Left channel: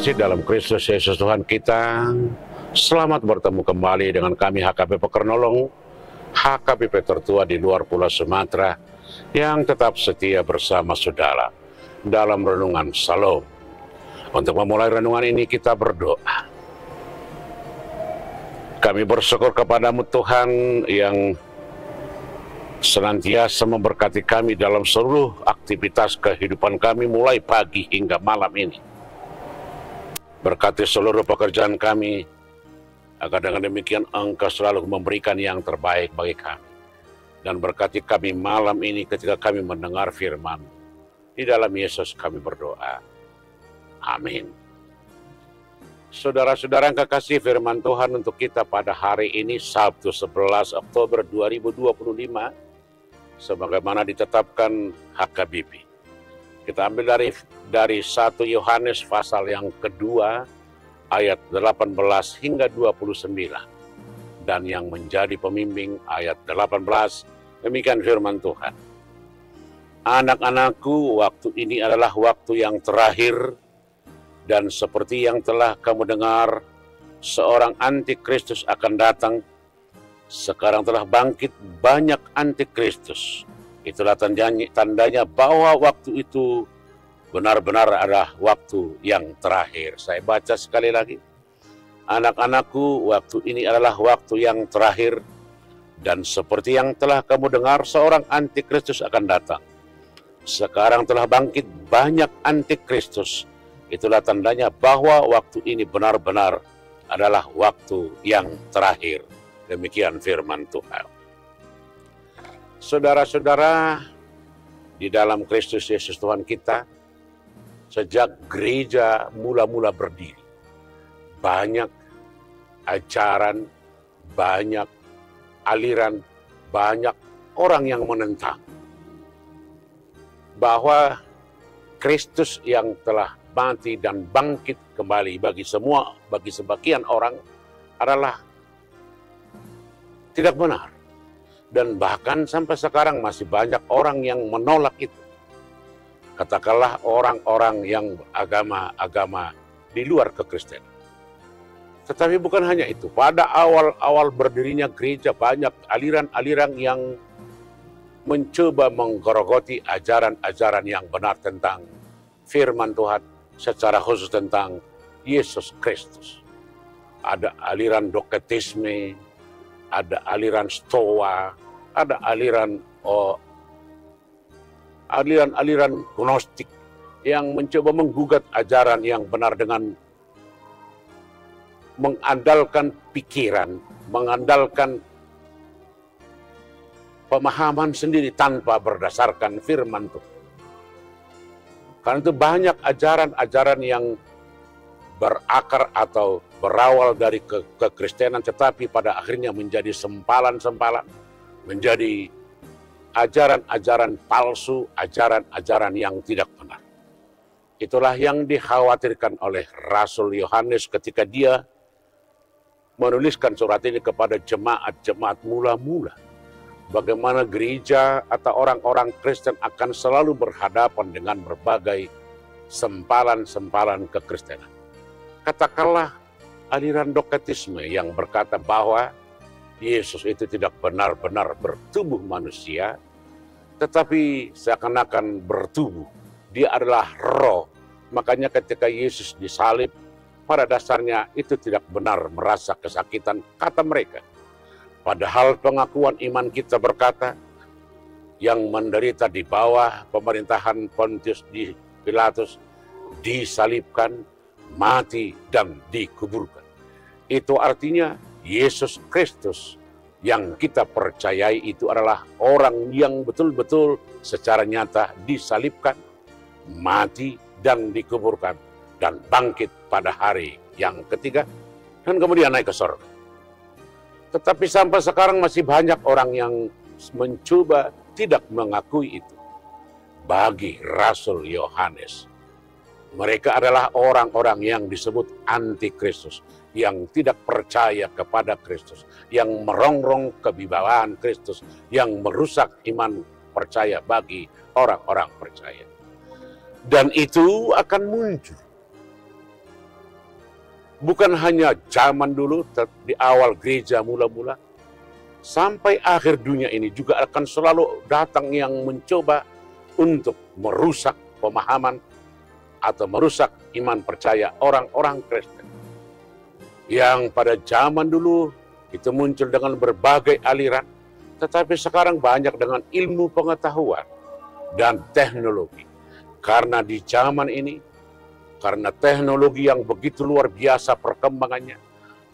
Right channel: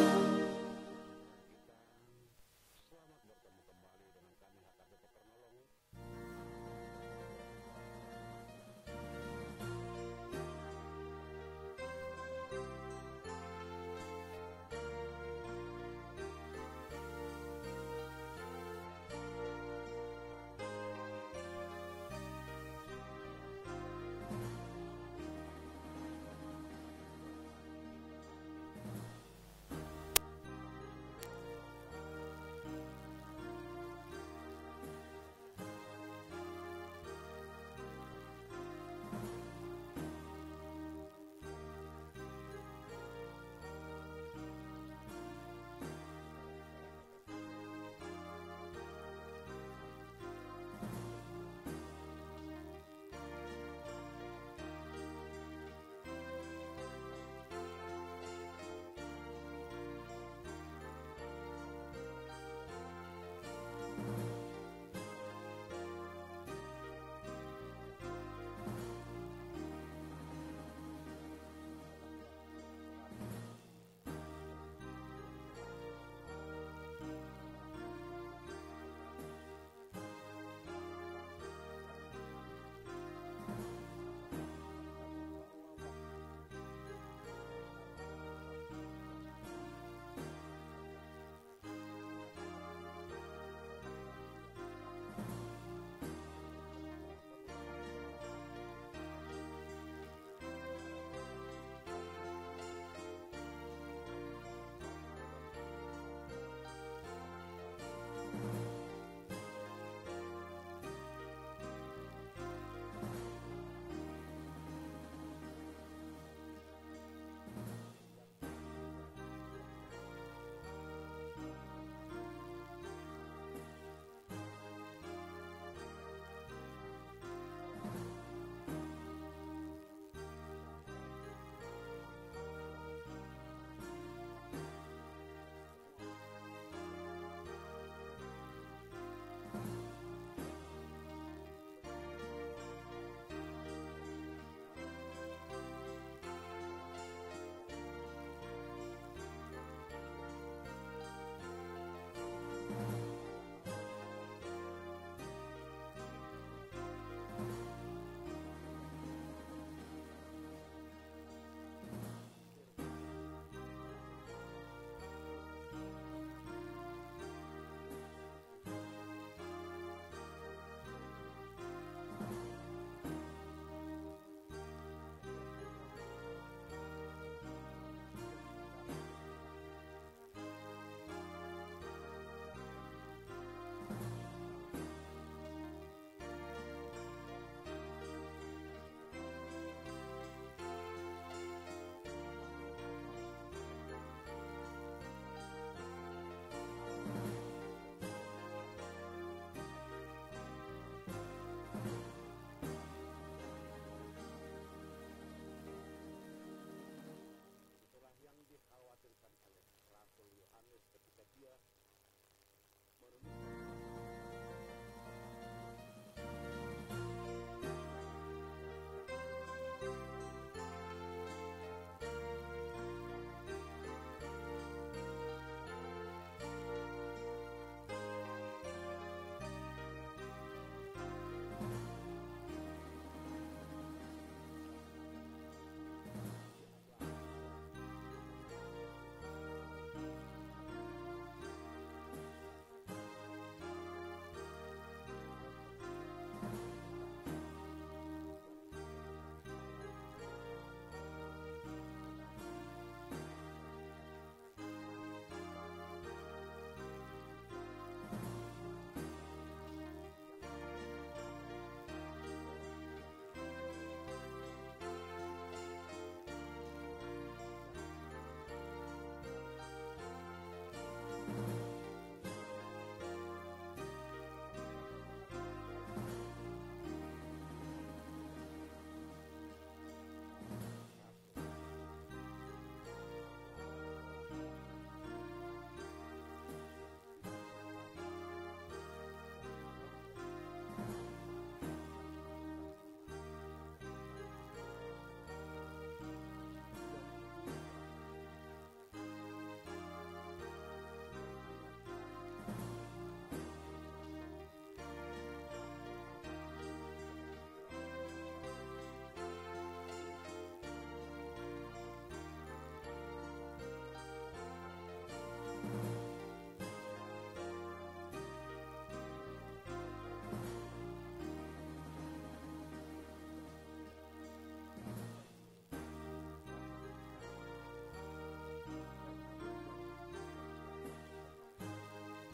kasih dalam Kristus Yesus Tuhan kita, selamat bertemu kembali dengan kami HKBP Pekernolong, HKBP tertua di luar Pulau Sumatera, yang tetap setia bersama saudara dalam renungan Shalom. Untuk memulai renungan ini kita berdoa. Kami bersyukur kepadamu Tuhan yang senantiasa memberkati kami dalam seluruh aktivitas kehidupan kami mulai pagi hingga malam ini. Berkati seluruh pekerjaan kami, agar dengan demikian Engkau selalu memberikan yang terbaik bagi kami. Dan berkati kami malam ini ketika kami mendengar firman. Di dalam Yesus kami berdoa. Amin. Saudara-saudara yang kekasih, firman Tuhan untuk kita pada hari ini Sabtu 11 Oktober 2025 sebagaimana ditetapkan HKBP. Kita ambil dari 1 Yohanes pasal yang kedua ayat 18 hingga 29 dan yang menjadi pembimbing ayat 18. Demikian firman Tuhan. Anak-anakku, waktu ini adalah waktu yang terakhir. Dan seperti yang telah kamu dengar, seorang antikristus akan datang. Sekarang telah bangkit banyak antikristus. Itulah tandanya bahwa waktu itu benar-benar adalah waktu yang terakhir. Saya baca sekali lagi. Anak-anakku, waktu ini adalah waktu yang terakhir. Dan seperti yang telah kamu dengar, seorang antikristus akan datang. Sekarang telah bangkit banyak antikristus. Itulah tandanya bahwa waktu ini benar-benar adalah waktu yang terakhir. Demikian firman Tuhan. Saudara-saudara, di dalam Kristus Yesus Tuhan kita, sejak gereja mula-mula berdiri, banyak ajaran, banyak aliran, banyak orang yang menentang bahwa Kristus yang telah mati dan bangkit kembali bagi sebagian orang adalah tidak benar. Dan bahkan sampai sekarang masih banyak orang yang menolak itu. Katakanlah orang-orang yang agama di luar kekristenan. Tetapi bukan hanya itu. Pada awal-awal berdirinya gereja banyak aliran-aliran yang mencoba menggerogoti ajaran-ajaran yang benar tentang firman Tuhan, secara khusus tentang Yesus Kristus. Ada aliran doketisme, ada aliran stoa, ada aliran gnostik yang mencoba menggugat ajaran yang benar dengan mengandalkan pikiran, mengandalkan pemahaman sendiri tanpa berdasarkan firman Tuhan. Karena itu banyak ajaran-ajaran yang berakar atau berawal dari kekristenan, tetapi pada akhirnya menjadi sempalan-sempalan, menjadi ajaran-ajaran palsu, ajaran-ajaran yang tidak benar. Itulah yang dikhawatirkan oleh Rasul Yohanes ketika dia menuliskan surat ini kepada jemaat-jemaat mula-mula. Bagaimana gereja atau orang-orang Kristen akan selalu berhadapan dengan berbagai sempalan-sempalan kekristenan. Katakanlah aliran doketisme yang berkata bahwa Yesus itu tidak benar-benar bertubuh manusia, tetapi seakan-akan bertubuh. Dia adalah roh. Makanya ketika Yesus disalib, pada dasarnya itu tidak benar merasa kesakitan, kata mereka. Padahal pengakuan iman kita berkata, yang menderita di bawah pemerintahan Pontius Pilatus disalibkan, mati, dan dikuburkan. Itu artinya Yesus Kristus yang kita percayai itu adalah orang yang betul-betul secara nyata disalibkan, mati, dan dikuburkan, dan bangkit pada hari yang ketiga, dan kemudian naik ke surga. Tetapi sampai sekarang masih banyak orang yang mencoba tidak mengakui itu. Bagi Rasul Yohanes, mereka adalah orang-orang yang disebut antikristus, yang tidak percaya kepada Kristus, yang merongrong kewibawaan Kristus, yang merusak iman percaya bagi orang-orang percaya. Dan itu akan muncul Bukan hanya zaman dulu, di awal gereja mula-mula, sampai akhir dunia ini juga akan selalu datang yang mencoba untuk merusak pemahaman atau merusak iman percaya orang-orang Kristen. Yang pada zaman dulu itu muncul dengan berbagai aliran, tetapi sekarang banyak dengan ilmu pengetahuan dan teknologi. Karena di zaman ini, karena teknologi yang begitu luar biasa perkembangannya,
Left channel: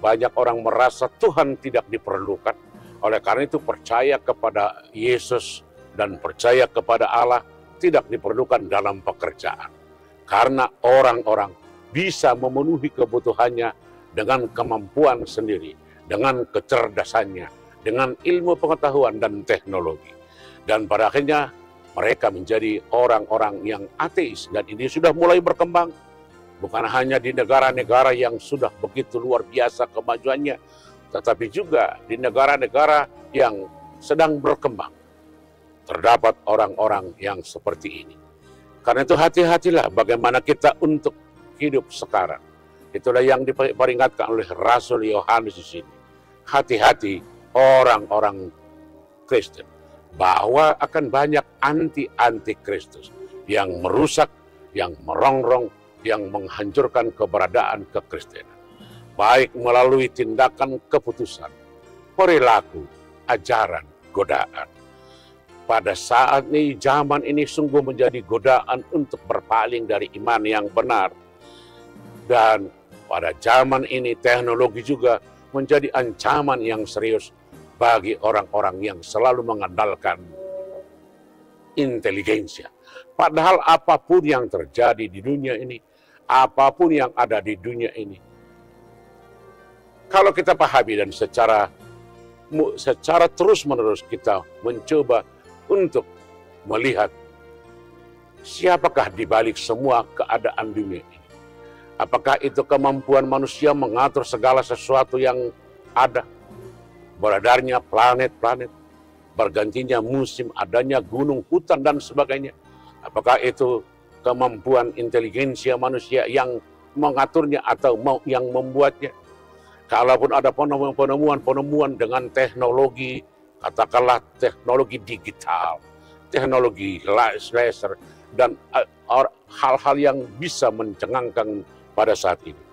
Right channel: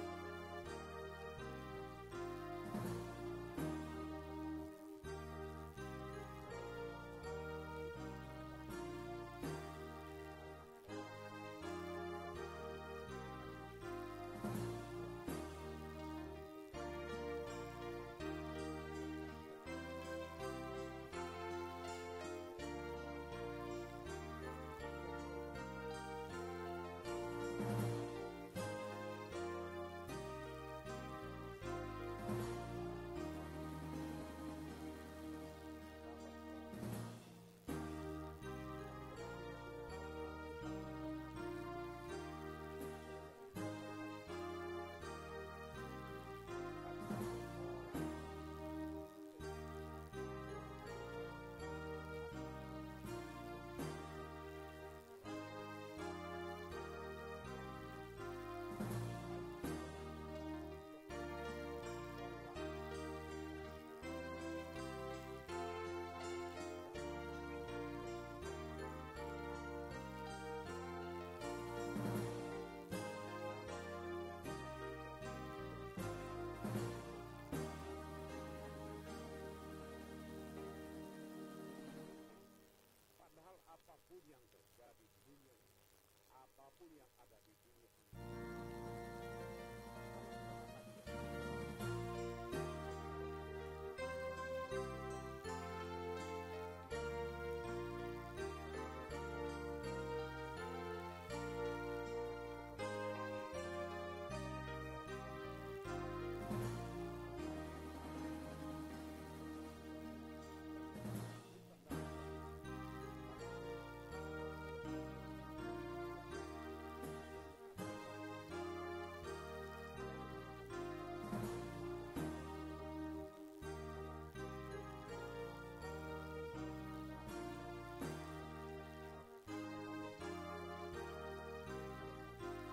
banyak orang merasa Tuhan tidak diperlukan. Oleh karena itu percaya kepada Yesus dan percaya kepada Allah tidak diperlukan dalam pekerjaan. Karena orang-orang bisa memenuhi kebutuhannya dengan kemampuan sendiri, dengan kecerdasannya, dengan ilmu pengetahuan dan teknologi. Dan pada akhirnya mereka menjadi orang-orang yang ateis, dan ini sudah mulai berkembang. Bukan hanya di negara-negara yang sudah begitu luar biasa kemajuannya, tetapi juga di negara-negara yang sedang berkembang. Terdapat orang-orang yang seperti ini. Karena itu hati-hatilah bagaimana kita untuk hidup sekarang. Itulah yang diperingatkan oleh Rasul Yohanes di sini. Hati-hati orang-orang Kristen, bahwa akan banyak anti Kristus yang merusak, yang merongrong, yang menghancurkan keberadaan kekristenan, baik melalui tindakan, keputusan, perilaku, ajaran, godaan. Pada saat ini, zaman ini sungguh menjadi godaan untuk berpaling dari iman yang benar. Dan pada zaman ini teknologi juga menjadi ancaman yang serius bagi orang-orang yang selalu mengandalkan intelijensia. Padahal apapun yang terjadi di dunia ini, apapun yang ada di dunia ini, kalau kita pahami dan secara terus-menerus kita mencoba untuk melihat siapakah di balik semua keadaan dunia ini. Apakah itu kemampuan manusia mengatur segala sesuatu yang ada? Beredarnya planet-planet, bergantinya musim, adanya gunung, hutan, dan sebagainya. Apakah itu kemampuan intelijensia manusia yang mengaturnya atau yang membuatnya? Kalaupun ada penemuan dengan teknologi, katakanlah teknologi digital, teknologi laser, dan hal-hal yang bisa mencengangkan pada saat ini.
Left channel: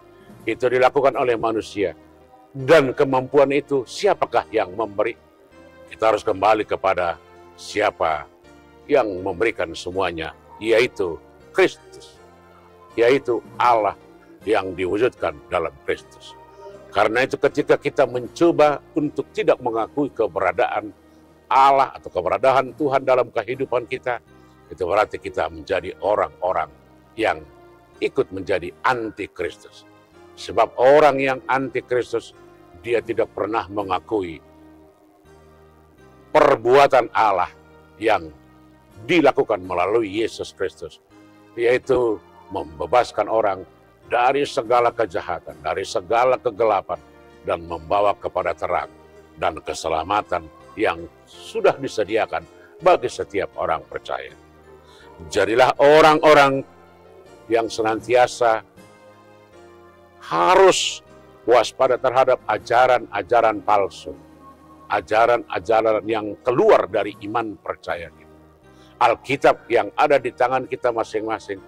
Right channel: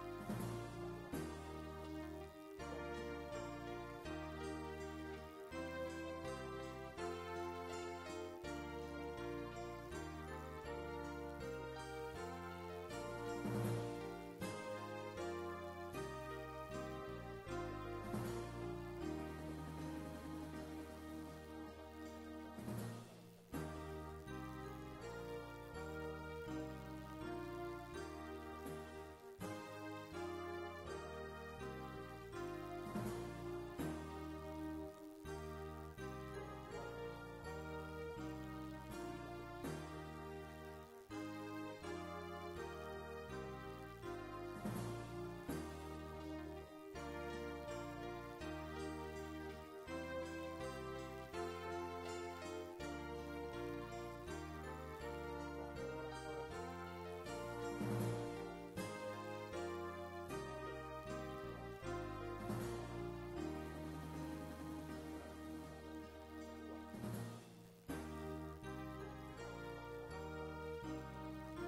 Itu dilakukan oleh manusia. Dan kemampuan itu siapakah yang memberi? Kita harus kembali kepada siapa yang memberikan semuanya, yaitu Kristus, yaitu Allah yang diwujudkan dalam Kristus. Karena itu ketika kita mencoba untuk tidak mengakui keberadaan Allah atau keberadaan Tuhan dalam kehidupan kita, itu berarti kita menjadi orang-orang yang ikut menjadi anti Kristus. Sebab orang yang anti Kristus, dia tidak pernah mengakui perbuatan Allah yang dilakukan melalui Yesus Kristus, yaitu membebaskan orang dari segala kejahatan, dari segala kegelapan, dan membawa kepada terang dan keselamatan yang sudah disediakan bagi setiap orang percaya. Jadilah orang-orang yang senantiasa harus waspada terhadap ajaran-ajaran palsu, ajaran-ajaran yang keluar dari iman percaya. Alkitab yang ada di tangan kita masing-masing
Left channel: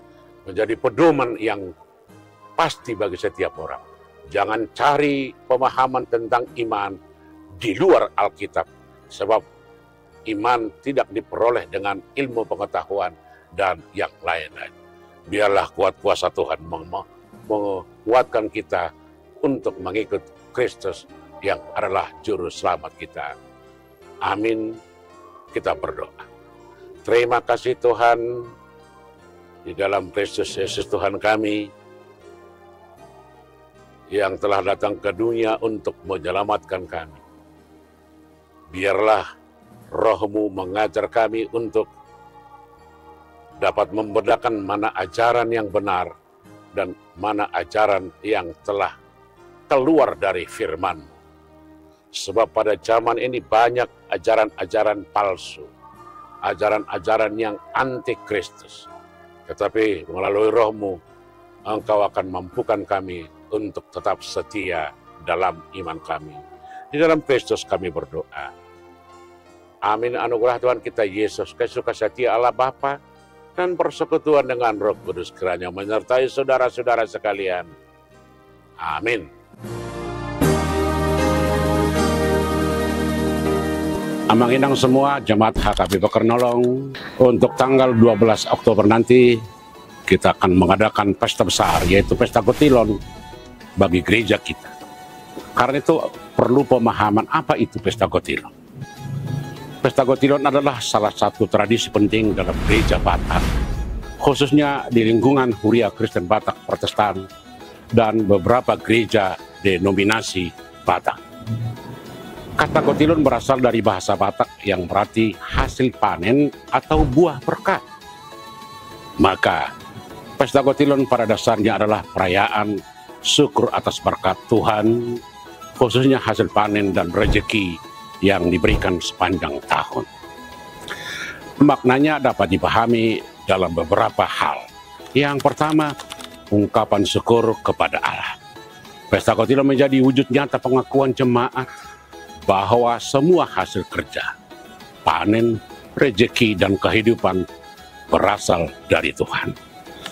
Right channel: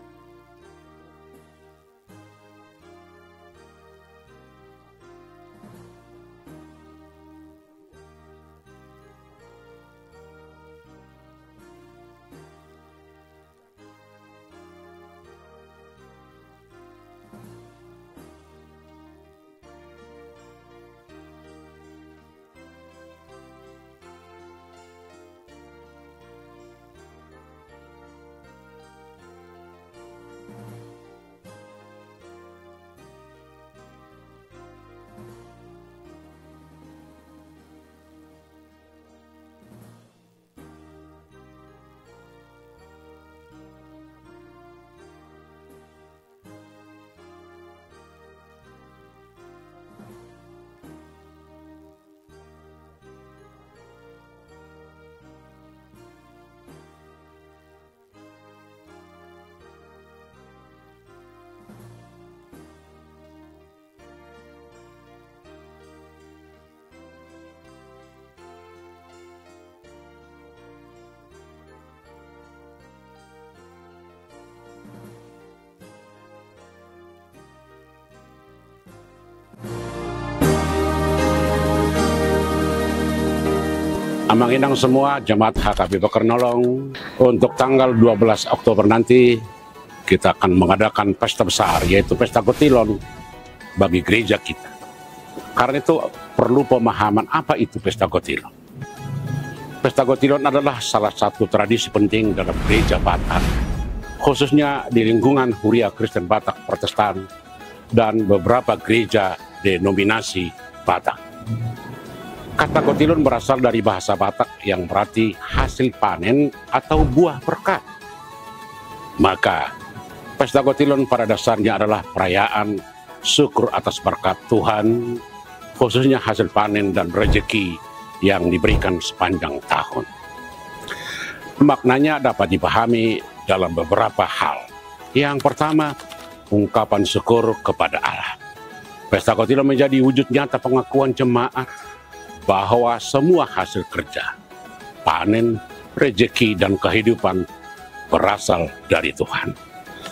menjadi pedoman yang pasti bagi setiap orang. Jangan cari pemahaman tentang iman di luar Alkitab, sebab iman tidak diperoleh dengan ilmu pengetahuan dan yang lain-lain. Biarlah kuat kuasa Tuhan menguatkan kita untuk mengikut Kristus yang adalah juru selamat kita. Amin. Kita berdoa. Terima kasih Tuhan, di dalam Kristus Yesus Tuhan kami, yang telah datang ke dunia untuk menyelamatkan kami. Biarlah Roh-Mu mengajar kami untuk dapat membedakan mana ajaran yang benar dan mana ajaran yang telah keluar dari firman. Sebab pada zaman ini banyak ajaran-ajaran palsu, ajaran-ajaran yang anti Kristus. Tetapi melalui Roh-Mu, Engkau akan mampukan kami untuk tetap setia dalam iman kami. Di dalam Kristus kami berdoa. Amin. Anugerah Tuhan kita Yesus Kristus, kasih setia Allah Bapa, dan persekutuan dengan Roh Kudus kiranya menyertai saudara-saudara sekalian. Amin. Amang-inang semua jemaat HKBP Kernolong, untuk tanggal 12 Oktober nanti kita akan mengadakan pesta besar, yaitu pesta Gotilon bagi gereja kita. Karena itu perlu pemahaman apa itu pesta Gotilon. Pesta Gotilon adalah salah satu tradisi penting dalam gereja Batak, khususnya di lingkungan Huria Kristen Batak Protestan dan beberapa gereja denominasi Batak. Kata Gotilon berasal dari bahasa Batak yang berarti hasil panen atau buah berkat. Maka, pesta Gotilon pada dasarnya adalah perayaan syukur atas berkat Tuhan, khususnya hasil panen dan rezeki yang diberikan sepanjang tahun. Maknanya dapat dipahami dalam beberapa hal. Yang pertama, ungkapan syukur kepada Allah. Pesta Gotilon menjadi wujud nyata pengakuan jemaat bahwa semua hasil kerja, panen, rezeki, dan kehidupan berasal dari Tuhan.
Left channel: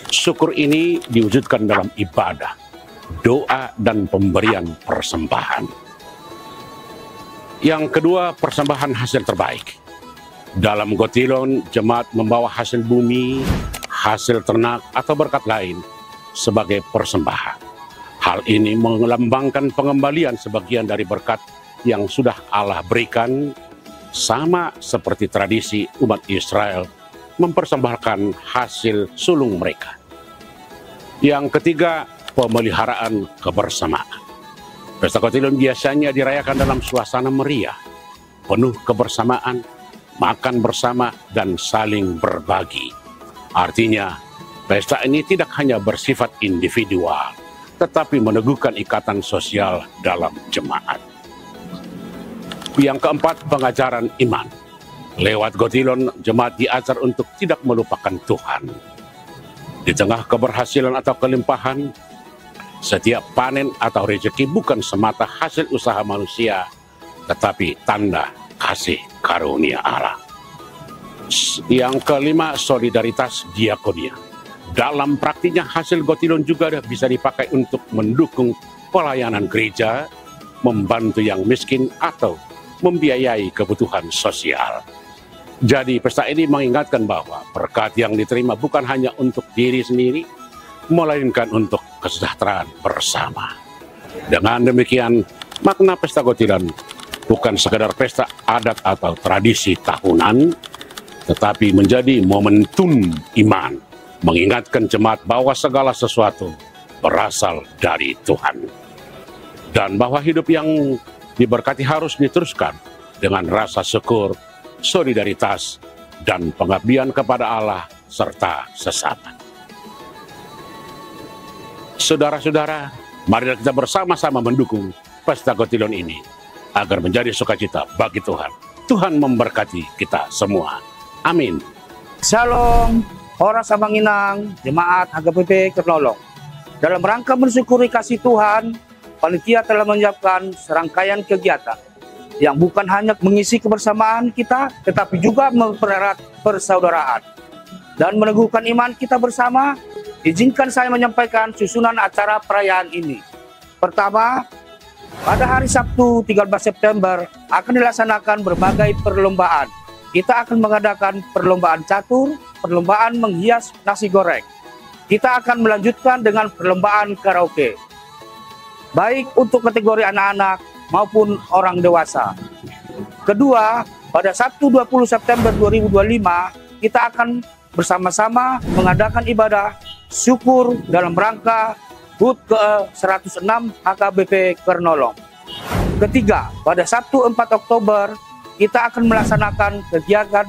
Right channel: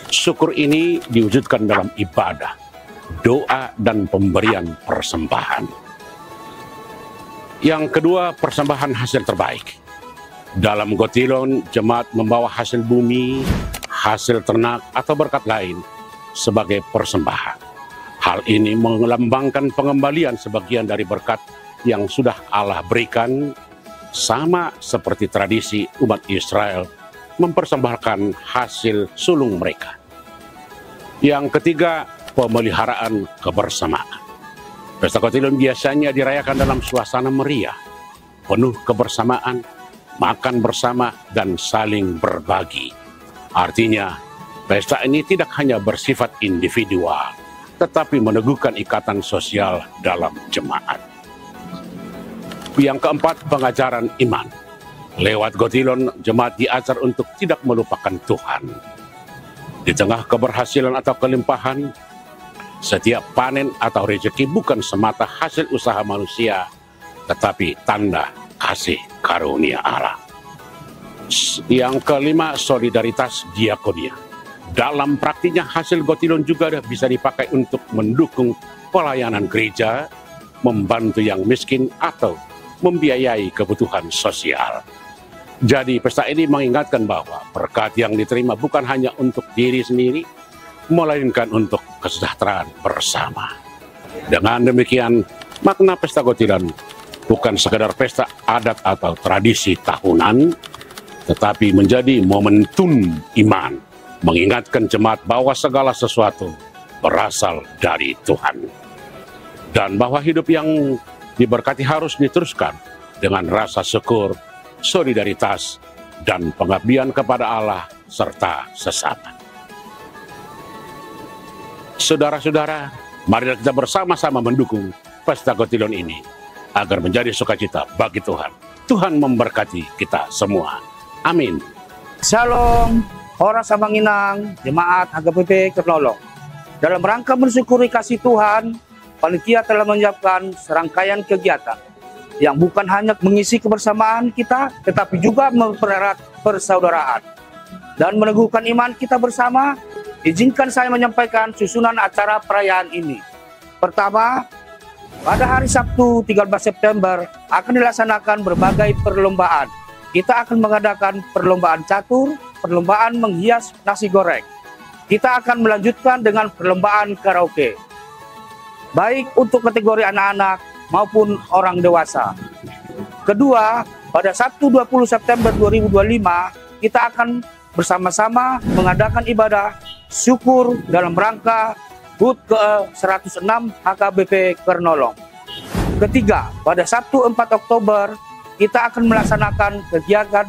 Syukur ini diwujudkan dalam ibadah, doa, dan pemberian persembahan. Yang kedua, persembahan hasil terbaik. Dalam Gotilon, jemaat membawa hasil bumi, hasil ternak, atau berkat lain sebagai persembahan. Hal ini melambangkan pengembalian sebagian dari berkat yang sudah Allah berikan, sama seperti tradisi umat Israel mempersembahkan hasil sulung mereka. Yang ketiga, pemeliharaan kebersamaan. Pesta Gotilon biasanya dirayakan dalam suasana meriah, penuh kebersamaan, makan bersama, dan saling berbagi. Artinya, pesta ini tidak hanya bersifat individual, tetapi meneguhkan ikatan sosial dalam jemaat. Yang keempat, pengajaran iman. Lewat Gotilon, jemaat diajar untuk tidak melupakan Tuhan. Di tengah keberhasilan atau kelimpahan, setiap panen atau rezeki bukan semata hasil usaha manusia, tetapi tanda kasih karunia Allah. Yang kelima, solidaritas diakonia. Dalam praktiknya, hasil Gotilon juga bisa dipakai untuk mendukung pelayanan gereja, membantu yang miskin, atau membiayai kebutuhan sosial. Jadi pesta ini mengingatkan bahwa berkat yang diterima bukan hanya untuk diri sendiri, melainkan untuk kesejahteraan bersama. Dengan demikian, makna pesta Gotilon bukan sekedar pesta adat atau tradisi tahunan, tetapi menjadi momentum iman, mengingatkan jemaat bahwa segala sesuatu berasal dari Tuhan. Dan bahwa hidup yang diberkati harus diteruskan dengan rasa syukur, solidaritas, dan pengabdian kepada Allah serta sesama. Saudara-saudara, mari kita bersama-sama mendukung pesta Gotilon ini agar menjadi sukacita bagi Tuhan. Tuhan memberkati kita semua. Amin. Shalom, Horas Amang-Inang, Jemaat HKBP Kernolong. Dalam rangka mensyukuri kasih Tuhan, panitia telah menyiapkan serangkaian kegiatan yang bukan hanya mengisi kebersamaan kita, tetapi juga mempererat persaudaraan dan meneguhkan iman kita bersama. Izinkan saya menyampaikan susunan acara perayaan ini. Pertama, pada hari Sabtu 13 September akan dilaksanakan berbagai perlombaan. Kita akan mengadakan perlombaan catur, perlombaan menghias nasi goreng. Kita akan melanjutkan dengan perlombaan karaoke, baik untuk kategori anak-anak maupun orang dewasa. Kedua, pada Sabtu 20 September 2025, kita akan bersama-sama mengadakan ibadah syukur dalam rangka HUT ke-106 HKBP Kernolong. Ketiga, pada Sabtu 4 Oktober, kita akan melaksanakan kegiatan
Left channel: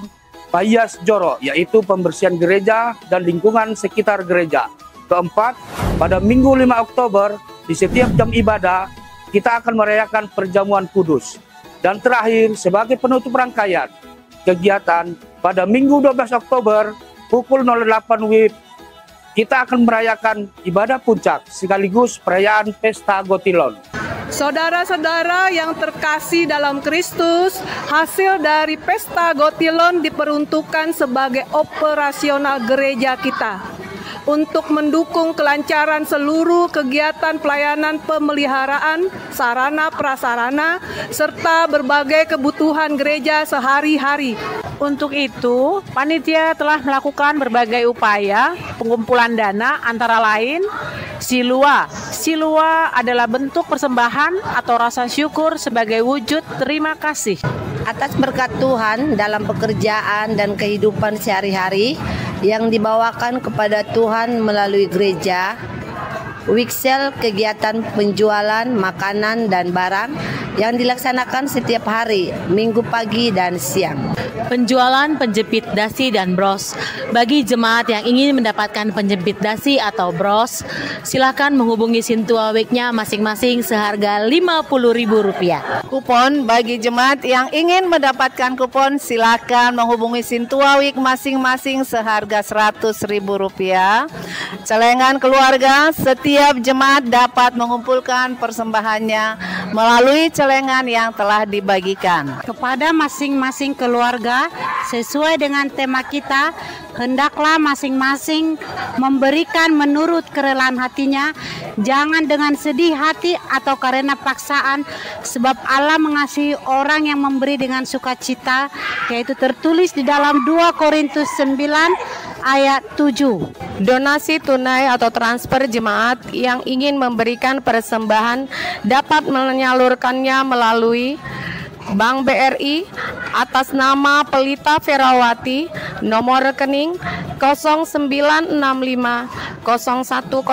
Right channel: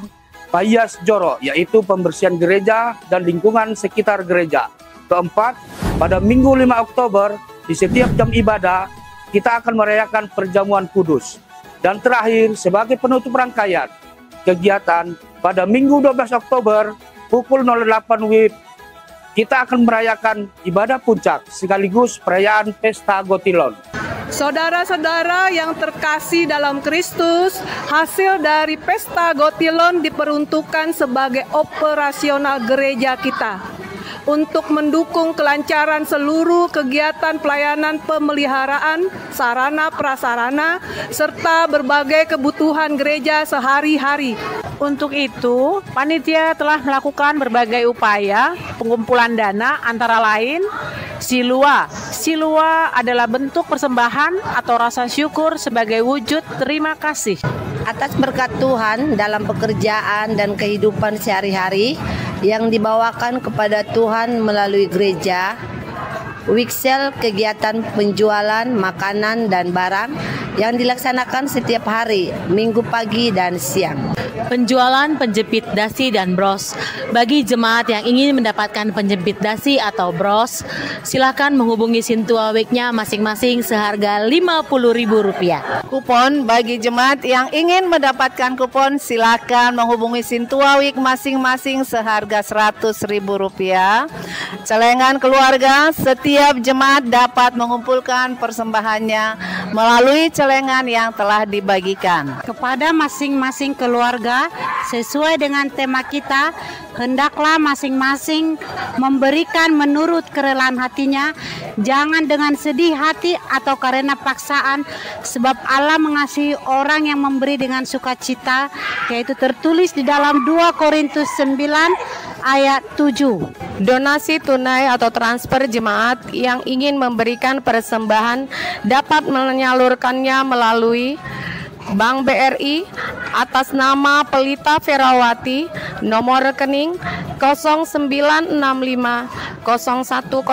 Payas Joro, yaitu pembersihan gereja dan lingkungan sekitar gereja. Keempat, pada Minggu 5 Oktober, di setiap jam ibadah, kita akan merayakan perjamuan kudus. Dan terakhir, sebagai penutup rangkaian kegiatan, pada Minggu 12 Oktober, pukul 08 WIB, kita akan merayakan ibadah puncak sekaligus perayaan Pesta Gotilon. Saudara-saudara yang terkasih dalam Kristus, hasil dari Pesta Gotilon diperuntukkan sebagai operasional gereja kita untuk mendukung kelancaran seluruh kegiatan pelayanan pemeliharaan, sarana prasarana, serta berbagai kebutuhan gereja sehari-hari. Untuk itu, panitia telah melakukan berbagai upaya pengumpulan dana antara lain Silua. Silua adalah bentuk persembahan atau rasa syukur sebagai wujud terima kasih atas berkat Tuhan dalam pekerjaan dan kehidupan sehari-hari yang dibawakan kepada Tuhan melalui gereja. Wiksel kegiatan penjualan makanan dan barang yang dilaksanakan setiap hari, minggu pagi dan siang. Penjualan penjepit dasi dan bros. Bagi jemaat yang ingin mendapatkan penjepit dasi atau bros, silakan menghubungi Sintua Week-nya masing-masing seharga Rp50.000. Kupon bagi jemaat yang ingin mendapatkan kupon, silakan menghubungi Sintua Week masing-masing seharga Rp100.000. Celengan keluarga, setiap jemaat dapat mengumpulkan persembahannya melalui celengan yang telah dibagikan. Kepada masing-masing keluarga, sesuai dengan tema kita, hendaklah masing-masing memberikan menurut kerelaan hatinya, jangan dengan sedih hati atau karena paksaan, sebab Allah mengasihi orang yang memberi dengan sukacita, yaitu tertulis di dalam 2 Korintus 9 ayat 7. Donasi tunai atau transfer jemaat yang ingin memberikan persembahan dapat menyalurkannya melalui Bank BRI atas nama Pelita Ferawati, nomor rekening 0965 0100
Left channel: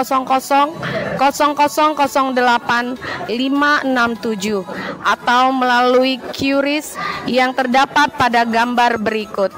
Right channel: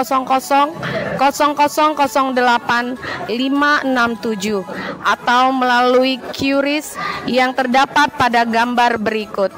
0008 567 atau melalui QRIS yang terdapat pada gambar berikut.